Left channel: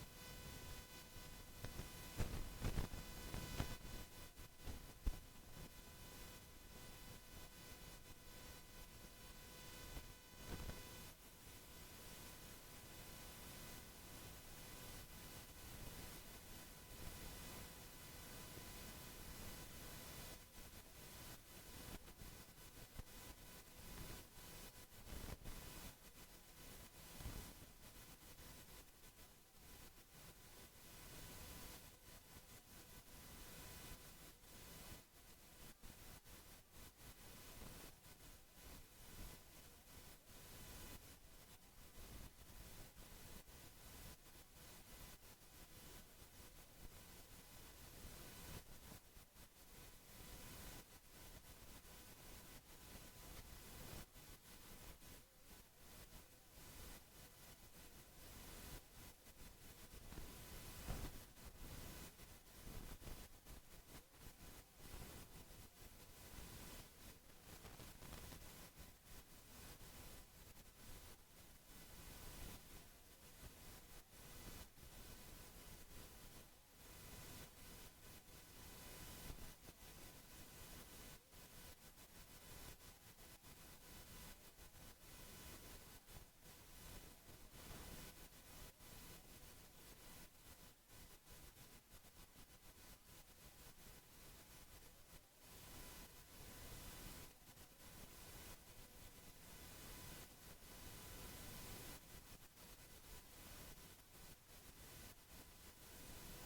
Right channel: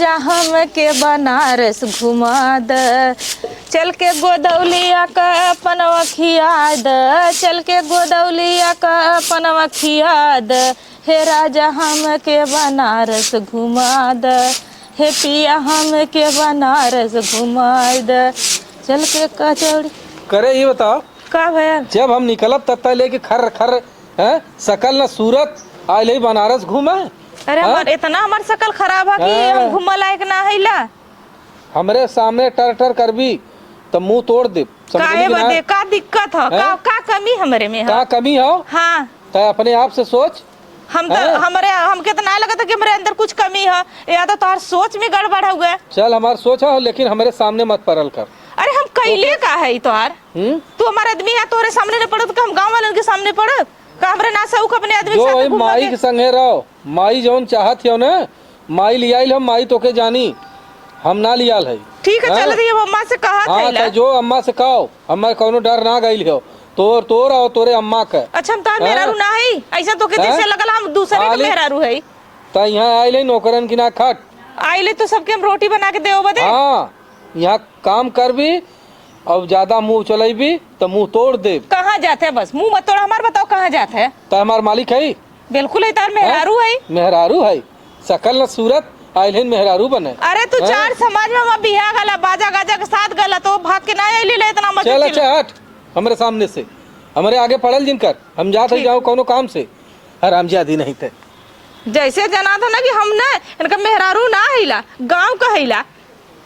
राजा हम के बनारस घुमा द, चल के गोदौलिया का पनवा खिया द, चल के गोदौलिया का पनवा खिया द, हे राजा हम के बनारस घुमा द, हे पिया हम के बनारस घुमा द, चल के कचौड़ी। करे ये बताओ का भैया जब हम निकलब तब तक लेके खर खर है सकल न सूरत आए ले बनारस घूमे। अरे हमार इतना हमार शकल खराब है कि हम घूम लायक ना हैला। हमरे सामने टर टर करबी तो मुंह तोड़ दे। काहे बदे का दिक्कत है? का कमी हमरे में है? का कमी हो? हाँ तो अपने आप से सोच। हम तो हमके तो ना लगा था कि मेरे अंदर कुछ कमी है, या तो तुम्हार सोच में गड़बड़ हो गया। चल हमार सोच हो लेकिन हमारे सामने मत परल कर। अरे हम कैले का है तोहार? तू हमारा आदमी है, तोरे सामने न पड़त का हम गांव वालों के सामने पड़त का? हमरे ना सऊख अपने आदमी के साथ घूम माई के संगे रहो। माई जौन चाहत हो ना माई लियाइल हम माई तो के जानी हम ना लियाल है। ठीक है चल रही है अम्मा से कहा था जो अम्मा से कहो अम्मा कोनो डर ना गइल हो तोर और तोरे अम्मा के। अच्छा हम तार मेहरारू ना है ऐसा तो के जैसे लगल हम दूसरे के मेहरारू है। त यहाँ आइले नौकरन की ना खट आइले तो सबके हम रोटी बना के देओ बदे। हाँ यहाँ काम कर भी अब ज्यादा मुंह चलेबी तो मुंह तोड़ दे। कहाँ जाते है? बस मुंह मत तोड़ हमार, बताओ कहाँ जाते है? तो हमार मालिक है। बिल्कुल है, तार मेहरारू है। मेहरारू है सकल न सूरत आइले मेहरारू बने। अरे तू चार समाज में बिहा गला बाजा गाजा के साथ गला तो भाग के ना आइले ले इतना मत चल। अच्छा हट हमारे सामने से, हमारे आगे पड़ल जिनकर हम जात ही जाओ कोनो काम से हराम जादी नहीं थे। जैसे जना था ना कि हम ना इनका मेहरारू ना हिला गांव का हिला,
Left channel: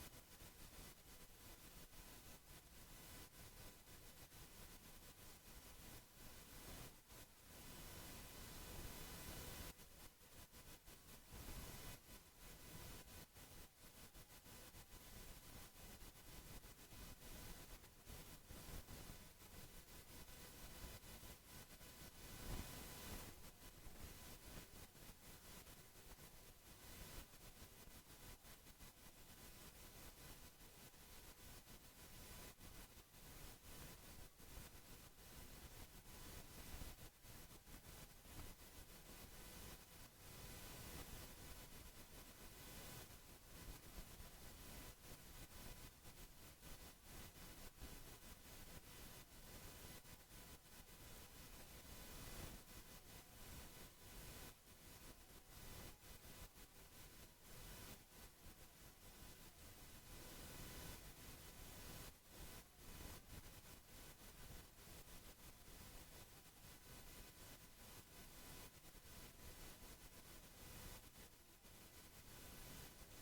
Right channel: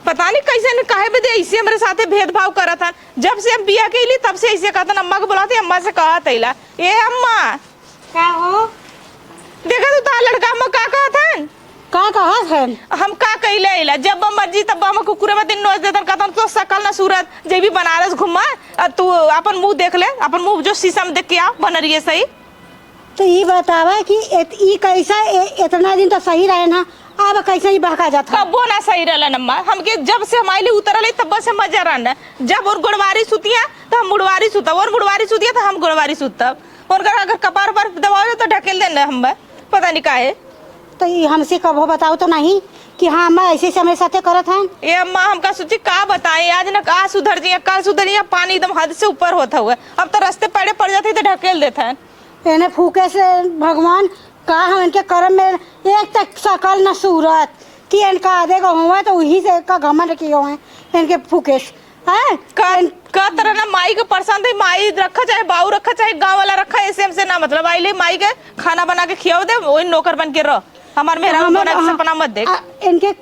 पता नहीं कैसे काहे बदे ऐसे हमारे साथे भेदभाव करा था। जब से हम बिया के ली तब से ऐसे कहता अम्मा को बुलाते अम्मा से कहा तैला ये अम्मा का हो देखा तू तार लड़का हम का कहता का कहा है हम का कहले आइला जब मर्जी तब हम कुकुरे में दिन नोच देतन कहतन तो सकल ना सूरत जेबी बनारस घुमा तू अपन मुंह देख ले, अपन मुंह जो शीशा में देख के आ बनरिए सही। तो ये बतावा कि ई कैसा इतना दिन तो सही रहे ना, अब कैसे ही बहका जाता? कबो ना सही रहला नम्मा हमके जब से हमारे उतरले तब से मजा रहना। जब और गुड़वारी सुतिया तो हम मुड़वारी सुता और मुड़वारी सुतिया तो हम गुड़वारी सुतब और अगर कपार पर दबाओ तो ढकेल देना हम पता नहीं काहे। तो ये हमसे कब हो बताओ तो नहीं कि हाँ मैं ऐसे से हमारे साथे करत हैं। ये अम्मा हमका सोची का बताएं आज ना का सुधर जिया कल सुधर जिया, पानी एकदम हद से ऊपर होता हुआ अब तो रास्ते पड़े पड़ जाते तो ढकेल देते हैं। इन्हें फूके से भगवान का हम इनके कर्म में एक तक सकल न सूरत कि इनका आधे का हुआ तो वही से का घमंड किए हुए इनके फूके है का तरह ना माई के परेशान थे, माई रखा चाहे बाऊ रखा चाहे गांव वाला रखा ऐसे हमसे ना मतलब आइले माई के खाना बना के खियाओ दे वही नौकर बन के रह हमार मेहरा बना के सपना मत देख। इनके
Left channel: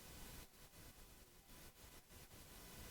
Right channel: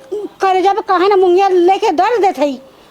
करेजा पे कहे ना मुंगिया लेके दर्द देत है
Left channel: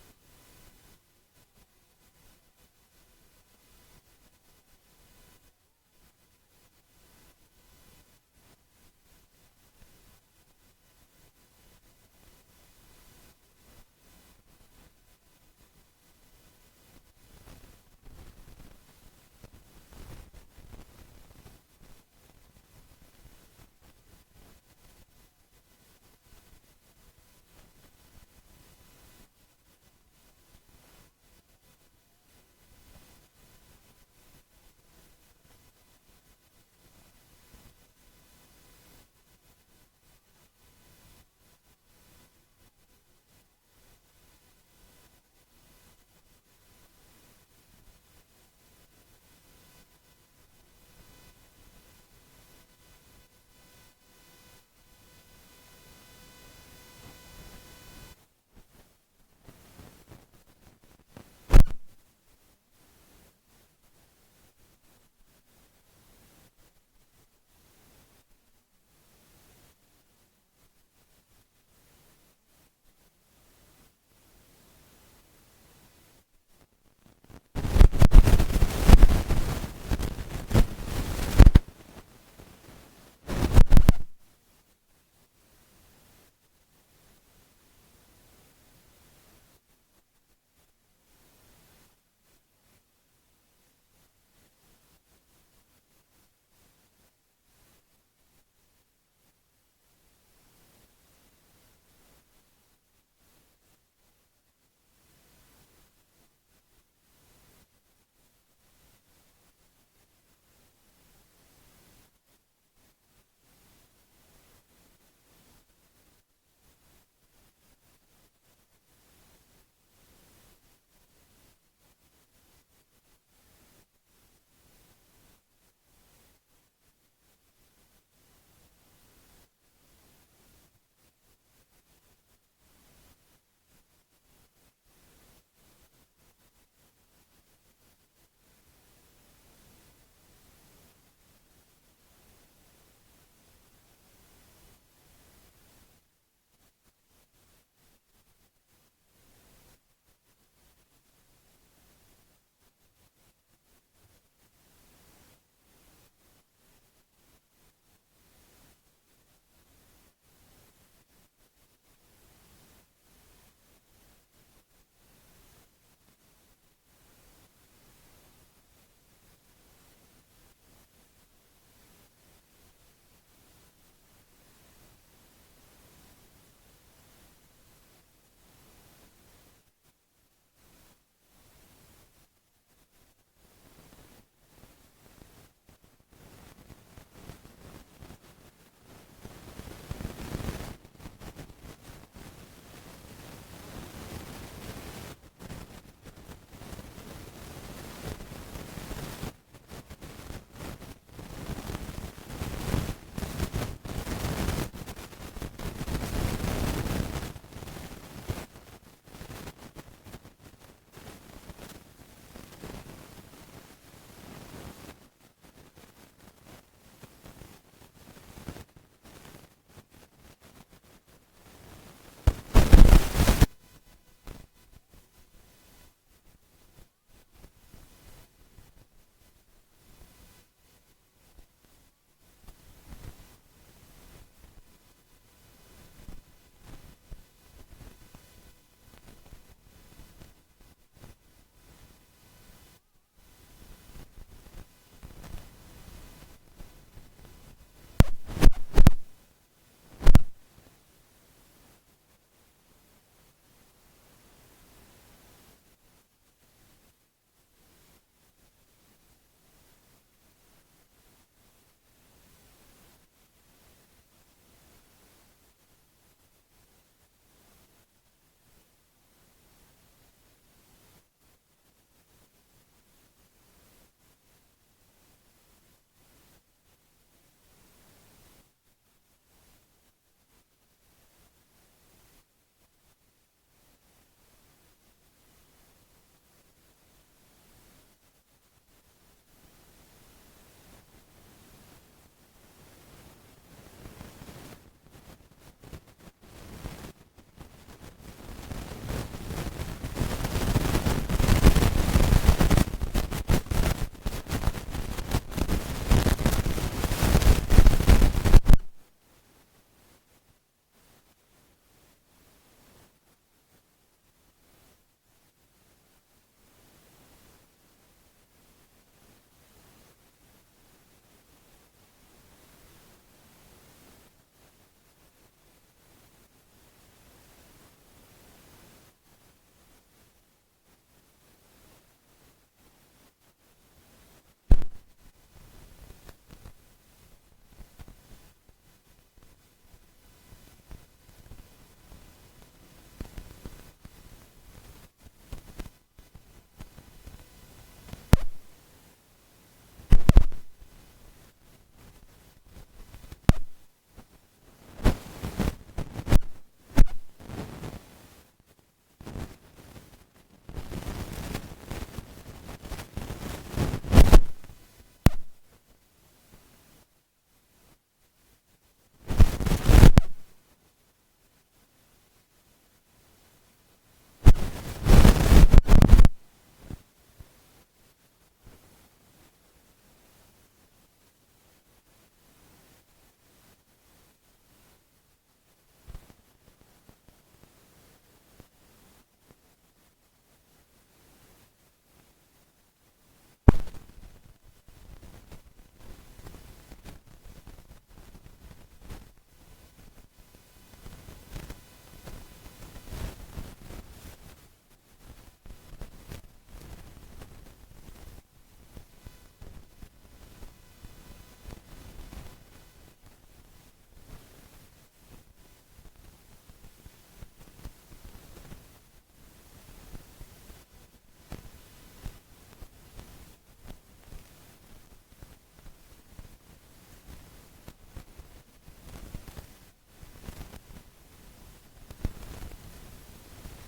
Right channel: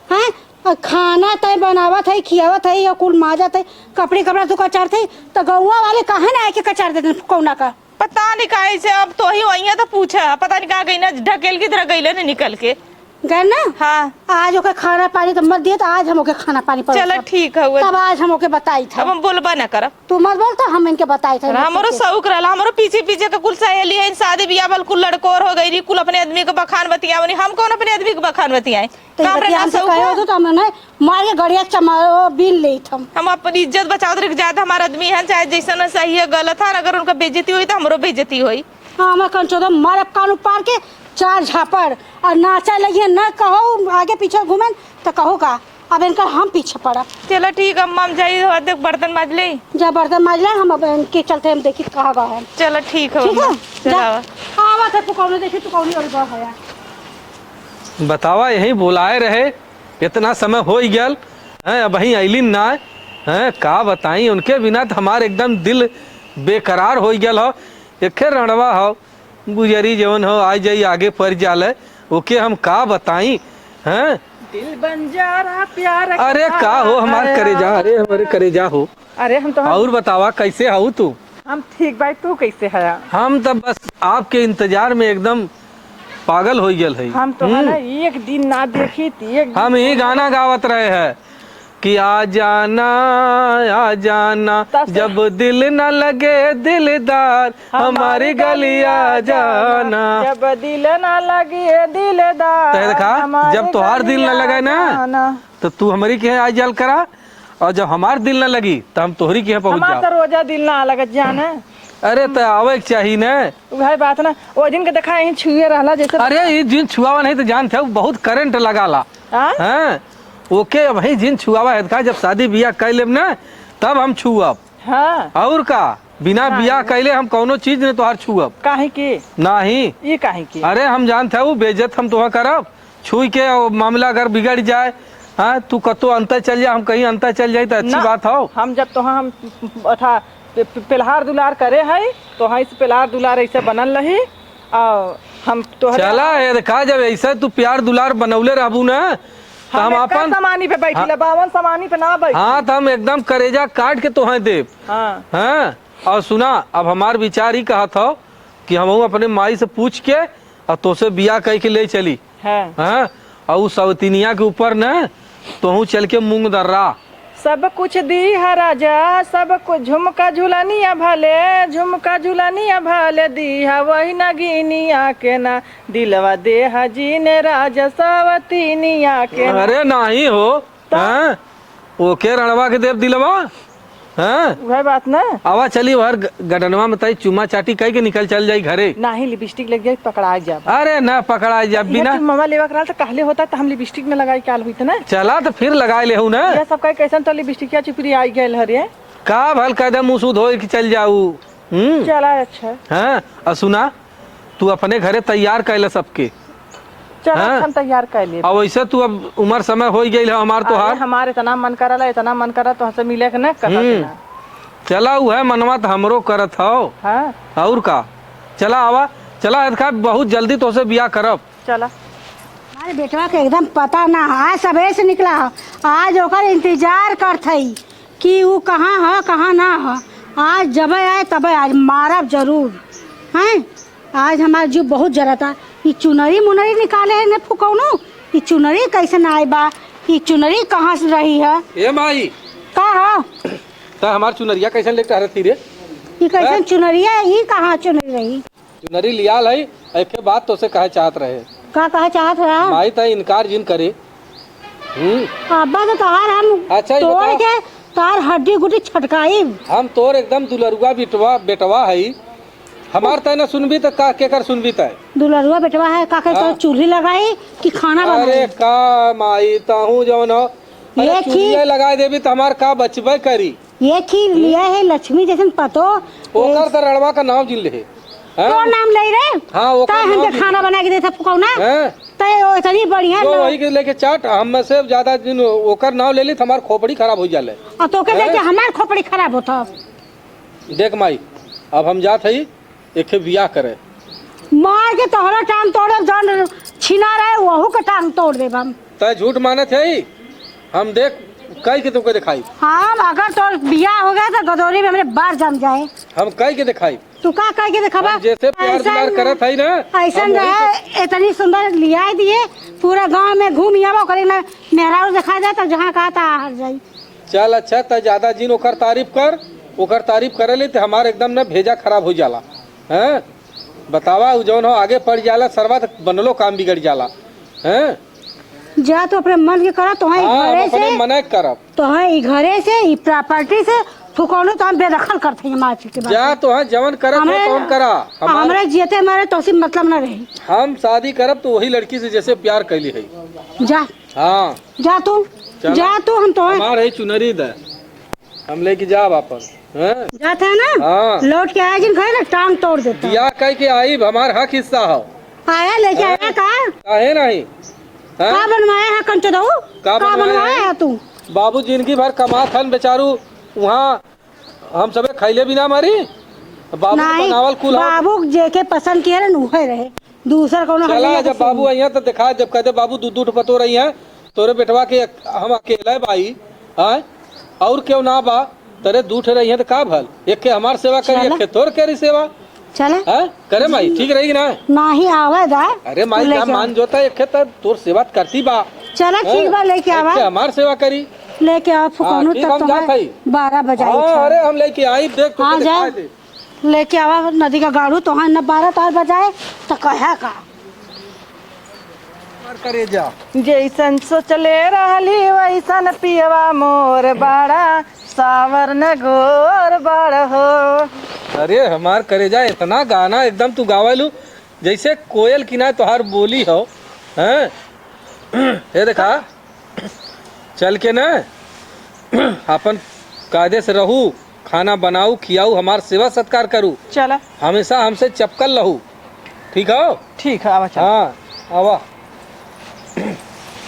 हैं खाना तय बनावत है खियावत है या कुल माजत है कपड़े कपड़ा तो कचार थे तो गौवा वाले कहे ना आके कचार देते कौना का पता नहीं काहे से अब तो ही वही है तो पूछा पता नहीं कहाँ गई ना ढकेल की तरह गई ना निकल के गए ना। हाँ आज ओके खाना पानी तो मत दिए तो आज हम ओके खाना पानी चलो ठीक है तब आज हम ओके बताई था। अब हम बोलबा ना करब तू मत बोल तो हम इनके बताई थे। हमारो शौक रहला हमारो पीछे पीछे का कुल सहेली है शादी ब्याह वाल कुल लड़कोर हो गई कुल अपने आदमी के बखान बतियावनी हम कौन अपने आदमी के बखान बतियाए तो हमने मार के गड़िया चमारो बिन ले हम अपनी इज्जत बचाओ रख जाते हमारा आदमी है चाहे जैसा ना सही है गलत है अगर उनका बेइज्जती हुई तो हमरो बेइज्जती हुई। हाँ मैं कंचो मार कान उपार के चार झापड़ और नाचा लगिए न कहो आगे पीछे घूमे तो कहो का अब इनका हम पीछे पड़ा। चलो ठीक है अम्मा हम जाइए देख बर्तन माज ले जा बर्तन माज ले हम अब इनके चलते हम देखी कहाँ गए हैं। चलो ठीक है आवा पुकौने देखी पुकौनी और गए है बतावा यही बुलाए रहे इतना समय हो गल है अब वही अलिन ना है का बताई उनके बिना तो हमारे एकदम दिल बेकरार हो गल हो एक रणवा हो गुजरी जवन हो आ जाई आगे पड़ जाले ओके हम का बताई हैं दिल बंजारा प्यार अरे का हो हमारे करेजा अरे हमारे करेजा हो। अरे हम तो और बतावा कैसे हो तू? हम ठीक भाई तू कैसे है? हम तो बस आपके इंतजार में एकदम पागल हो गल है। हम तो है ना एक दिन ना देखी थी हम यही गाना गावत रहे हैं कि आ जाना जब दिल न लगे दिलदार हमारी गली आ जाना जब दिल न लगे दिलदार तो देखा जब तुम्हार दिल न लगे ना तो तू हमारी के आज जल करा और जब हमार दिल न लगी तो हम तोहरी के पहुंच जाओ। रोजा दिल ना लगे जाने अरे तो आवे के चाहिए ना। भाई बात ना वो दिन के देखा यहीं छुए रहला जैसे अरे ये जिन छुआवा नहीं तो जानते हो बहुत करंट लगाला। हाँ? हाँ ओके भाई जिन छुआवा है का जब शादी बियाह कर लेब ना तब हम छुअब। हाँ और का बिना बियाह कैले हम कौनो चीज ने तोहार छुअब काहे की नहीं। ये काहे की अरे हम जानते हो बेइज्जत हम तुहा करब छुई के और मामला अगर बिगड़ जाए। हाँ तू कतो अंतर चल जाए हम कहीं अंतर चल जाए तो अच्छी ना, बात हो। हम जब तो हम अथा पिलहार दुलार करे है तो हाँ इस पिलहार दुलार ऐसे बनल रही और हम तो चला ये देखा जब ऐसा तू प्यार दुलार बनौले रहबू ना तो हम अपन सामानी पे बैठी बावन सामानी पे ना बैठी। हाँ तो हम एकदम करेजा काट के तोहे देब। हाँ हाँ और सुना अब हमार विचार ही कहा था कि हम अपने माई से पूछ के और तोसे बियाह कह के ले चली। है हाँ और उस सवतीनिया के ऊपर न तोहू चल के मूंग दर्रा सब कुछ दी है राजा सब कुछ झुमका झुलानिया भले झुमका झुलानिया भले दी है वही नगीनिया के ना दिलवा दे है जीने राजा सवतीनिया के ना। अरे नहीं हो। हाँ ओके रणवा के देव दिलवा। हाँ वह बात ना आवा चली हर गडनवा में तई चुमा चाटी कह के निकल चल जाई घरे। ना ही लिपस्टिक लग जाए पकड़ा जा अरे ना पकड़ा जा बिना मम्मा लेवा करा तो कहले होता तो हम लिपस्टिक में लगाई काल हुई ना चला तो फिर लगाए ले ना। ये सब का कैसन तो लिपस्टिक चिपरी आई गए हरे का भल कदम मुँह सुध हो के चल जाऊ। चला अच्छा हाँ और सुना तू अपने घरे तैयार कैले सबके। चल हाँ? हम तैयार कर लिए अब वैसे तू अब उम्र समय हो गई है हमार तो हार। हमारे इतना मन करा तो हमसे मिले के ना कर चला उ है मनवा तो हमरो करत हो। हाँ और का चला आवा चला खा बहुत जल्दी तो से बियाह करब। चला अरे बेटवा के एकदम पता ना आज सबेरे से निकला ह। आज ओकर इंतजार करत हई कि वो कहाँ है कहाँ ना है। आज जब आए तब आज मारब जरूर हैं। आज हमार जीव बहुत जरता ये चुनरी मुनरी निकाले है ने फुकौनो ये चुनरी कैसे आए बा ये चुनरी कहाँ से रही है ए माई का है तो हमार चुनरिया कैसे लेके रहती रे। ये कैसे चुनरिया ये कहाँ चुनरी रही चुनरी लियाल है एक बात तो से कहे चाहत रहे का कहा चाहत रहा माई तो इनकार जिन करे। अब्बा तो तार हम अच्छा, ये तोड़ बताओ। के तार हड्डी गुड्डी छटकाई हम तोर एकदम दुलरुआ बिटवा बेटवा है हमार तय न सुनबी तो का के कर सुनबी तय दुलरुआ बेटवा है का के तो चूल्ही लगाई कि खाना अरे बनाई का माई ताहू जौन हो ये अरे ठीक। चूल्हे लगा देबी तो हमार का बचबे करी। ये खीर लिया है लक्ष्मी जैसन पतो ओकर तो रणवा का नाम जिन ले तो नाम ले रे हाँ वो ता हमके खाना बना के देता फुकौना तय इतनी बढ़िया जो वही के लेके चाट हम में से ज्यादा दिन ओकर नाम ले ली तो हमार खोपड़ी खराब हो जाले। और तो के देखे हमार खोपड़ी खराब होता देख माई अब हम जात हई एक बियाह करे मार के तोहरा टांग तोड़े जन छिना रहे वहू के टांग तोड़ देब हम। तय झूठ माने थे हम देख कई के तुमको दिखाई हम अगर तो बियाह हो गया तो गदौरी में हमरे बार जम जाए हम कई के दिखाई चुका कह के देखबा जैसे प्यार दुलार करत हई ना ऐसा हम वही रहे इतनी सुंदर लिया दिए पूरा गांव में घूम आवा करे ना मेहरा दिखा जाए तो जहाँ कहा था हार जाई। चल अच्छा त ज्यादा जिन ओकर तारीफ करे ले तो हमार एकदम ना भेजा खराब हो जाला। हैं बतावा उ जौन हो आगे पड़ जाला सरवा तक बनलो काम बिगड़ जाला। हैं जा तो अपने मन के करा तो हाँ घरे अपने से मना करब तो घरे से ई प्रॉपर्टी से फुकौनो तो हम बेदखल करते हैं मार के बाद जा तो हाँ जवन करब तो कौन करा हमारे जीते हमारे तो उसी मतलब ना रही। हम शादी करब तो वही लड़की से जैसे प्यार कैली है। जा हाँ जा तू चलो। जा तू हम तो हमार है चुनरी दे हम लेके जा वापस। हैं जाते हैं ना हाँ। लौट के आया जिन घरे ना टांग तोड़ देता बियाह कह के आई हमार हक हिस्सा हो आया लेके आया का काहे नहीं हैं? का बनवाया है कंचो दऊ का का बनवाया बनवाया है? है तू बाबू जिंदगी भर कमा थन बेचारू वहाँ हम सबे खैले बिना मारी बाबू नहीं बनावल कुल हो। बाबू जेके पसंद किया रहे उहे रहे दूसरा कोनो चला हल्ला जब बाबू आई तो दिखा जब कहते बाबू दूध पतो रही है तोरे बेटवा के हम अकेले भाई हैं और क्यों ना बा तेरे दूठ रही है तो का भल एक के हमार सेवा करी एक के तोर करी सेवा चले हैं करे माई ठीक रहेगी ना। नाही आवे दा अरे माई क्या मान जोता एक के तो तोर सेवा करती बा चला ठीक बा लेके एक आवा के हमार सेवा करी लेके आ फुकौनो ठीक, तब हम तो जात हई। 12 बजाई हाँ अरे हम लेके आई देख हाँ तो जा दिखा दे। लेके आवा नदी का गाड़ू तो हाँ न 12 तार बजाए तो कहे का करे जा जैसन सोचले रहली वैसन पियवा मोर बड़ा सावर न गोर बड़ हो अरे हमार करेजा इतना गाना एकदम तू गावलू जैसे कोयल की ना तोहार बोली हो हैं। ये देखा चल के ना अपन कायदे से रहू, खाना बनाऊ खियाऊ, हमार सेवा सत्कार करू, चला हमेशा हमसे चपकल रहू, ठीक हो? ठीक है आवा चल। हाँ आवा।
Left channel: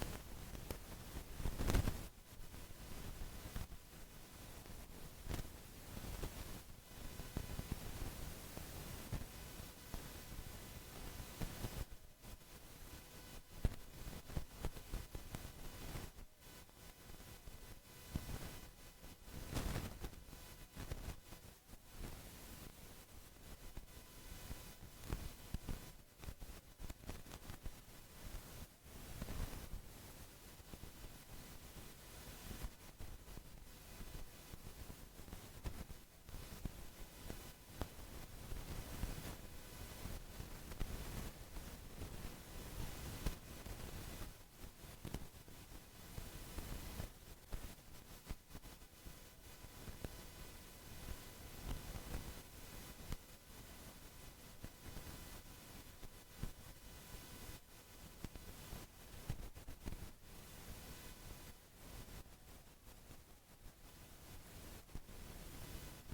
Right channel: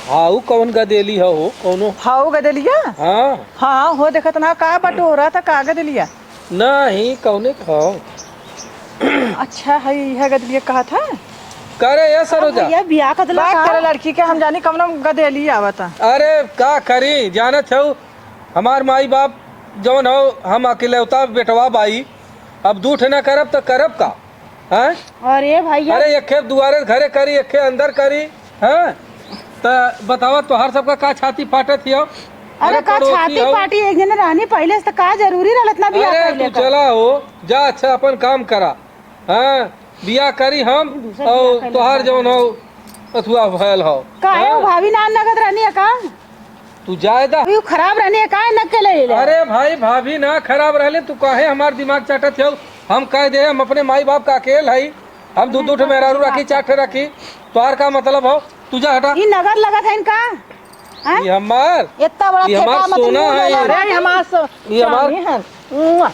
हाउ कौन गदेली हो कौनो? हाउ गदलिया? हाँ हाँ हो देखत ना का बटोरा था का गदलिया? नहीं कौने खाओ। अच्छा है गदलिया कहा था। करे ये सरोजा। भैया बियाह का दिला बात करे लड़की के हम जानी कम गदेली आवता। अरे का करी जानत हो हमार माई बाप जौन हो, हम अकेलौता बेटवा बाई, अब दूठ न करब तो करब का हैं? अरे भैया अरे एके दुआरे घरे करी एके अंदर करी हैं? तो बतावा तोहार सबका का छाती फाटत हियो? अरे का पड़ोसी छाती हो। पार्टी एक जने रहनी पहले से तो का जरूरी रहत ना बियाह अरे पहले तू चला हो जा, अच्छा अपन काम करा। हाँ बिया करी हम और तोहार जौन हो अथुआ भयल हो। काहे हाँ? भाभी ना नगद रहनी है का? तू जायदा। अभी खराब रहनी है काहे नक के ले ले? अरे भाई भाभी ना खराब रहले तू काहे हमार दिमाग चाटत हो? हम कह दे हम अपने माई बाप का अकेल है, हम दू दू मेहरारू रखी चाटे रखी, तोहार का मतलब हो? तू जा हटा। ई नगद लगत है इनका? ये हमार इतना बड़ा ये हमार ठेका मत सोना मुंह है ले ये। ला। अरे हमार ये हमार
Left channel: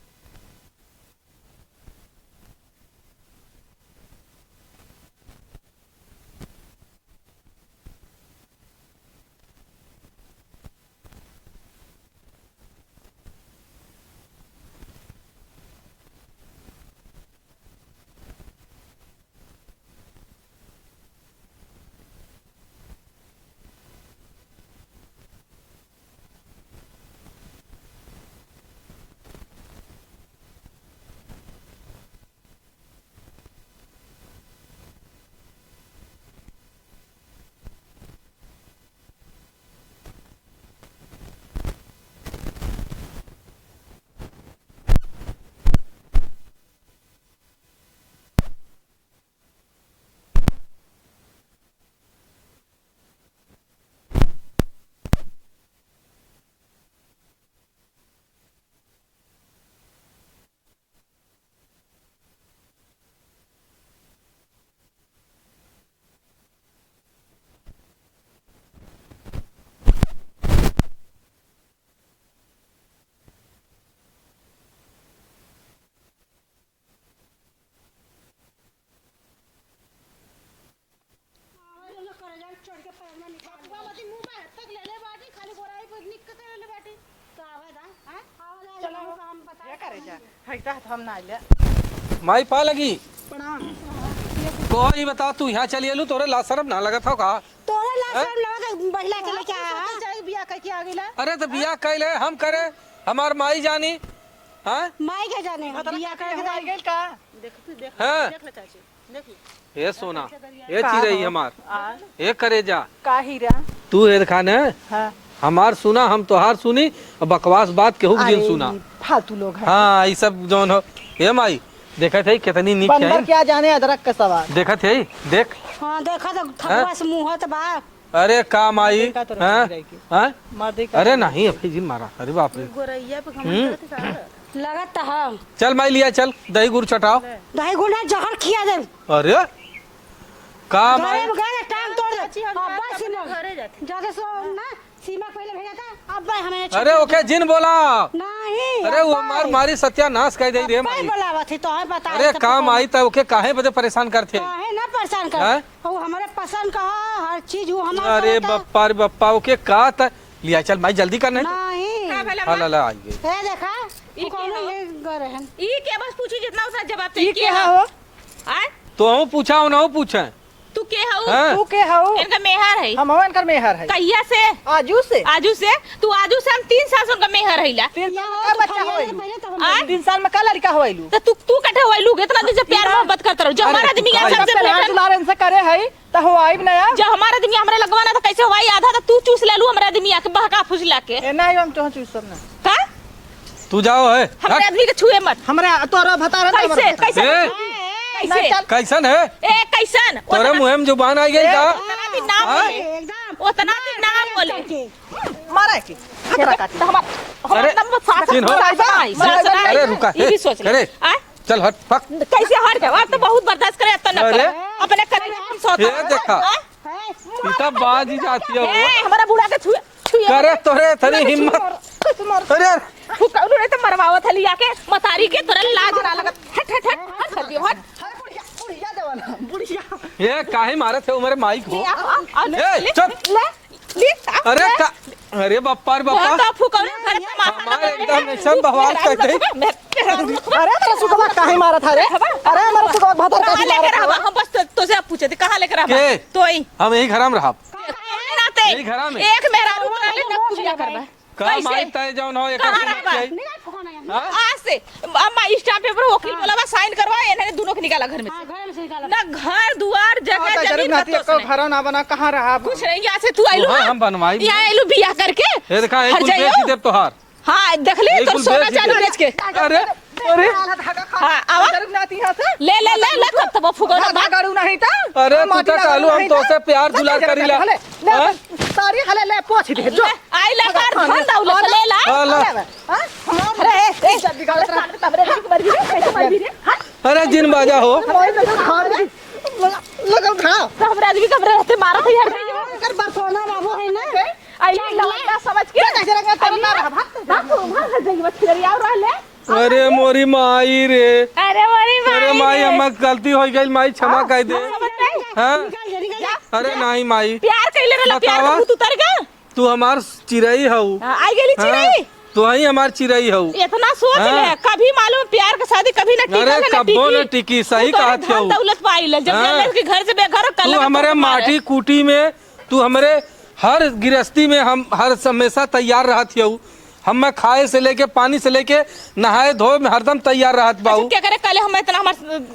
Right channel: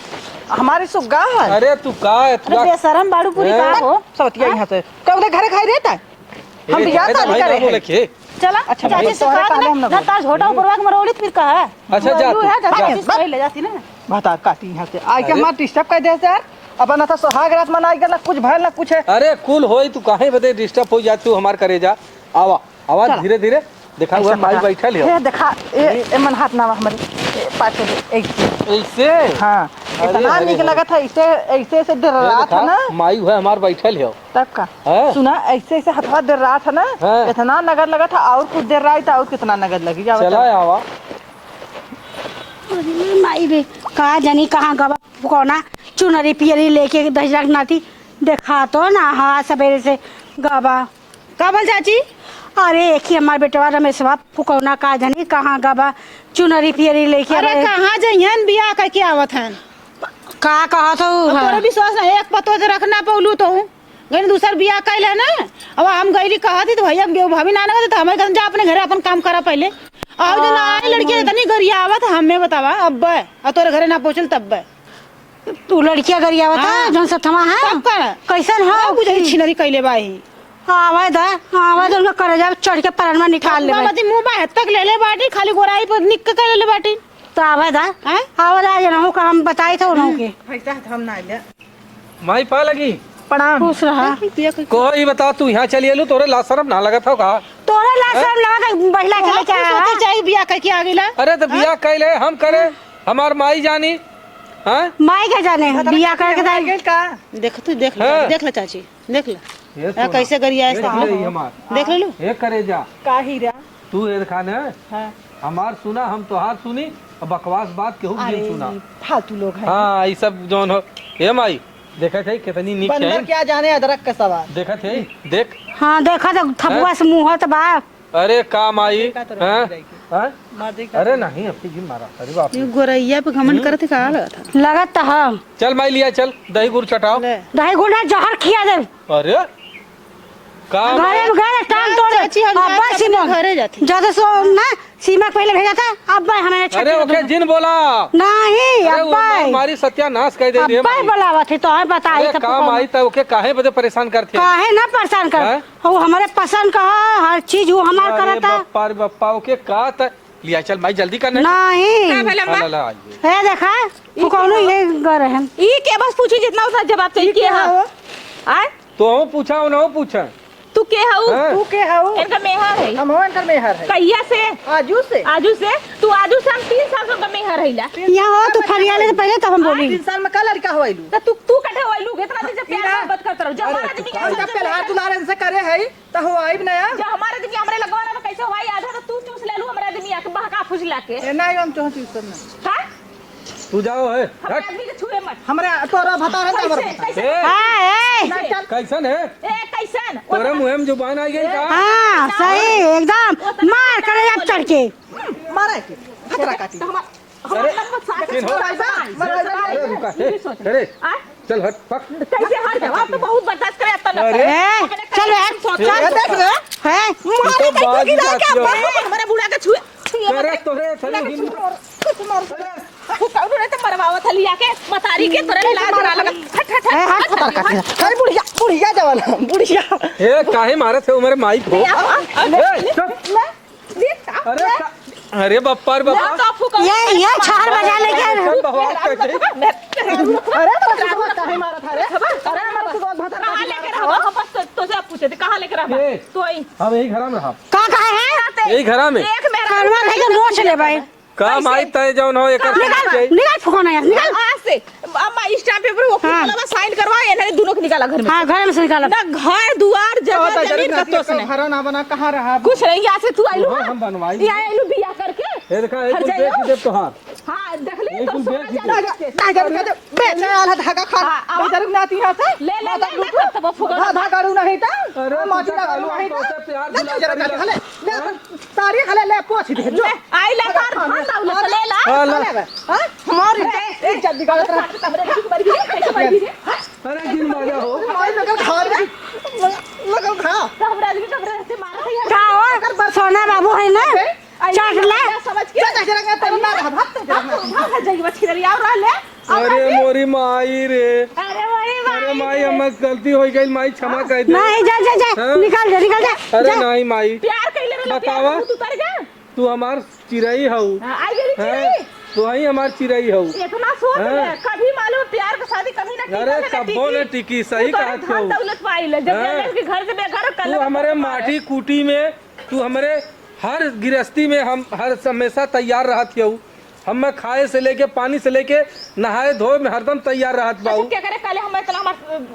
हमारी सुग्गा है। अरे तू का अरे बेशरम बाड़ू पूरी का हो? सवतिया यहाँ से कब घरे खाई रहता है। हम बियाह शादी करे हैं। चला अच्छा, चाची भाई, से तोहरे कहा काले हम ना ना ताज होटा ऊपरवा के मरोड़ी फिर कहा। अच्छा, जा तू, है जा। चाची से ले जाती ना। बता काटी यहाँ से आई के अरे। हमार डिस्टर्ब कर दे यार। अब ना था सोहाग रात मनाई गया ना कुछ भयल ना कुछ है। अरे कुल होई तू काहे बदे डिस्टर्ब हो जाती हो हमार करेजा? आवा आवा चला। धीरे धीरे देखा हुआ माई बैठल है ये देखा ए मन हाथ ना हमारे पाछे एक ऐसे। हाँ अरे, इतना अरे, निक अरे। लगा था ऐसे ऐसे से डर ये रहा देखा, था ना माई हुआ हमार बैठल है। तब का हाँ। सुना ऐसे ऐसे हथवा डर रहा था ना हाँ। इतना नगद लगा था और कुछ देर रहा था और कितना नगद लगी जाओ चला आवा। अरे माई बे कहा जानी कहाँ गवा कोना चुनरी पियरी लेके दहजक नाती देखा तो ना हाँ सवेरे से गवा का बोल चाची? अरे एक ही हमार बेटवा रमेशवा फुकौना का जानी कहाँ गवा चुनरी पियरी लेके। अरे कहाँ जइहन बियाह करके आवत हन? का कहा तो तोरा विश्वास नहीं एक पतो से रखना पौलू तो गई दूसर बियाह कैल है ना। अब हम गईली कहा थी तो भैया भाभी ना ना तो हमारे घर जा अपने घरे अपन काम करा पहले। और जो आई लड़की इतनी गरिया आवत हमें बतावा अब और तोरे घरे ना पहुंचल तब तू लड़किया गरिया बता हाँ। जौन सतमा है सब का कैसन हाँ हो बुझे छिनरी कैले बाही आवा दा आवा दो उनका करजा चढ़ के परन में निकाल ले बाबा मुंह बा तक ले ले बाटी खाली गोराई पर निक के ले ले बाटी। तो आवा दा हैं? आवा दा जनहु का हम बताई थे उन्हों के पैसा हम ना ले माई पा लगी प्रणाम। खुश रहा। कोई बता तू यहाँ चली एलू तोरे ला शरम ना लगा था का? तोरा लाशरम लगा के बहिला चले के आया सोचे जाए बियाह करके आ गेला। अरे तो बिया कैले हम करे हमार माई जानी। हाँ माई के जाने बिया करके दाई का देख तू देख हाँ। ले देख ले चाची देख ले ये सोना। कैसे गरिया ये है धीरे ही हमार देख ले लो। ये करे जा का हीरा तू ये खाने हमार सुना हम तोहार सुनी और बकवास बात केहू के दिन सुना। फालतू लोग हैं। हाँ ये सब जौन हो ये माई देखत है कितनी नीक बंदर है। क्या जाने अदरक का सवाल। देखत है देख। हां देखा तो थपुआ से मुंह तो बा अरे का माई हाँ? हाँ? मार दे अरे नहीं अपनी जी मारा अरे बाप रे। गोरैया पे घमंड करत का लगा था। लगत तो हम चल माई लिया चल दही गुड़ चटाओ। ले दही गुना जहर खिया दे अरे का घरे में गए टांग तोड़ चाची हम अब जाके सीमा अपने घरे जाती। ज्यादा सो ना सीमा पहले भेजा था अब हमें अरे ओके जिन बोला। नहीं अरे वो अब हमारी सत्यानाश कर दे रही है अब माई। बोलावा थी तो है बता अरे काम आई था ओके काहे बदे परेशान करती है? काहे ना परेशान कर हाँ? वो हमारे पसंद का है, हर चीज वो हमारा अरे करता बप्पा रे बप्पा ओके का था लिया चल माई जल्दी करने। नहीं ला ला आइए। है देखा वो कौन ये गर है ई के बस पूछी जितना उसका जवाब चाहिए के हो आ तो हम पूछा ना पूछा तू के हऊ हैं? तू के हो इनका मेहर है हम हवन कर मेहर है कहिया से आजू से आजू से तू आजू से हम 3 साल का मेहर हैला यहाँ हो तो फरियाले से पहले तब हम बोली 3 साल में का लड़का होइलू तो तू कठा होइलू इतना दिन से प्यार मोहब्बत करत रहो जो हमारा आदमी है सबसे लाड पहले दुलार से करे है त हो आइब नया जो हमारा आदमी हमरे लगवाना तो कैसे होई आधा तो तू चूस ले लू हमारा आदमी के बहका फुसला के ए नहीं हम तो चूस करना का तू जाओ है हमारे आदमी के छुए मत हमरा तोरा बता रहा कैसे कैसे ए, कैसे कैसन है ए कैसन तोरे मुंह में जुबान आई गई का? हाँ सही एकदम उतना मार ना कर बोलो। चढ़ के मारे के खतरा काटी तो हमारा अरे, सास चिन्हो। सास अरे रुका ये भी सोच ले अरे आ चल हट फक। कैसे हट जाओ तो बहुत बर्दाश्त करे तने अरे, अपने चल है तो बात ही आती है। हमारा बुढ़ा के छुए करे तोरे तनी हिम्मत। अरे तू कौन रे तो मरवाओ थली आके मतारी के तोरे लाज ना लगा हट हट हाथ पकड़ काट अरे बुढ़िया बुढ़िया जवाना बुढ़िया ये काहे मारत है उमर माइक हो। ए चुप। अरे बप्पा रे बप्पा ये छार बजा लेके सब बवाल करते। अरे हमारा सुगवा काहे मारा था रे अरे हमारा सुगवा भतर कहां काहे लेकर मारा आवा बस तो से पूछे थे कहां लेकर आवा के? तो ही हम यही घराम रहा। कहाँ है यही घरा में एक मेरा कानवा लेके मोच ले भाई का माई तय जौन हो एकर समझ के निकाल फुकाना यार निकाल आज से अम्मा स्टाम्प पेपर वो हाँ। में साइन करवाए इन्होंने दोनों को निकाला घर में हाँ घर में से निकाला ना घर दुआर जगह जमीन का तो उसने घर ना बना कहां रहा कुछ नहीं यहाँ से तू आइलू हाँ, हम बनवाई। यहाँ आइलू बिया करके ये देखा एक हट कुल जाइयो। बेच देब तोहार। हाँ देख ले एक तो कुल सोना बेच चांदी दे। बेच के अरे बेटे वाला धागा खा हाँ, आवा। इधर नाती हां था ले ले ले ले कब तक फुगा धागा गाड़ू नहीं था अरे तू तो कालू हम तो से प्यार दुलार करीला। हाँ? साड़ी खले ले पोछ दे जो आई ला कार धान दाउलो तो ले ला हाँ, ले। हां हां रे जल्दी गाड़ अरे जिन बाजा हो। लगल खा हमरा आदमी कमरे रहते मारा था यार खाओ सोना बाबू है ना चढ़ ले समझ के भाग जाइए बच्चे जरी आओ रह ले अरे मोरी माई रे। अरे मोरी अरे माई हम गलती हो गई माई क्षमा कर दे। नहीं जा जा जा हाँ? निकाल जा निकाल जा अरे नहीं माई प्यार कइले रे प्यार बतावा। का तू उतर गया तू हमार चिरई हो। आई गेली चिड़ी तू ही हमार चिरई हो। इतना सोच हाँ। ले कभी मालूम प्यार का शादी कभी ना टिका अरे ना कब्बो न टिकी सही कहत हो। दौलत पाई ले जब हाँ। ले के घर से बेघर कर तू हमारे माटी कूटी में तू हमारे हर गृहस्थी में हम हर हमेशा तैयार रहत हो। हम खाए से लेके पानी से लेके नहाए धोए में हरदम तैयार रहत बाबू। क्या करे कल हम इतना हमार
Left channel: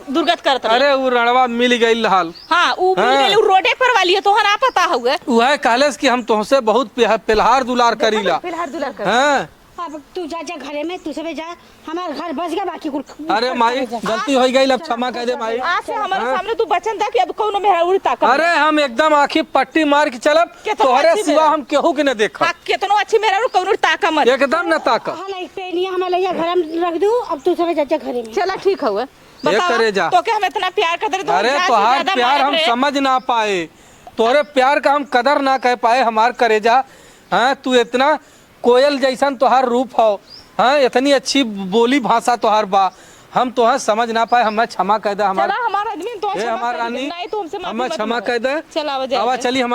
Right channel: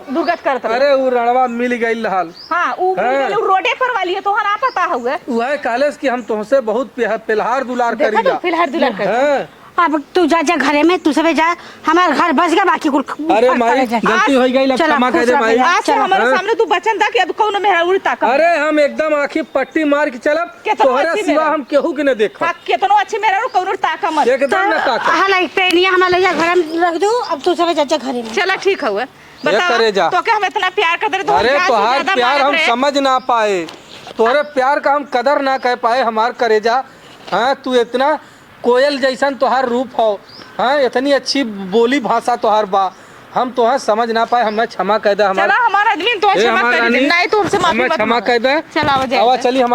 दुर्गत करत रहे अरे वो रणवा मिल गई हाल। हां ऊ हाँ। रोडे पर वाली है तोहरा पता हुए वह कालेस कि हम तुमसे बहुत पिलहार दुलार देखा करीला। तो फिलहाल दुलार कर हाँ। अब तू जा जा घरे में तू सब जा हमारा घर बस गया बाकी कुल अरे माई गलती हो गई अब चलो, क्षमा कर दे खुश माई। रह आज से हमारे हाँ। सामने तू बचन था कि अब कौन मेरा उड़ता कर अरे हम एकदम आंखें पट्टी मार के चलब कितना तोहरे अच्छी सिवा मेरा। हम केहू के न देखा कितनो अच्छी मेरा कौन ताका मत एकदम न ताका। हाला एक पेनिया हमारे यहाँ घर में रख दूँ अब तू सब जा जा घरे में चला ठीक हुए ये करे जा। तो क्या हम इतना प्यार करते रहे तो अरे तोहार प्यार हम समझ ना पाए तोहरे प्यार का हम कदर ना कह पाए हमार करेजा। हाँ तू इतना कोयल जैसन तोहार रूप हो। हाँ इतनी अच्छी बोली भाषा तोहार बा हम तोहार समझ ना पाए हमें क्षमा कह दे। चला हमारा आदमी तो ए, क्षमा हमार कर रानी, दे नहीं तो हमसे माफी हमें मत क्षमा मांगो। कह दे। चला हो आवा जाएगा चली हम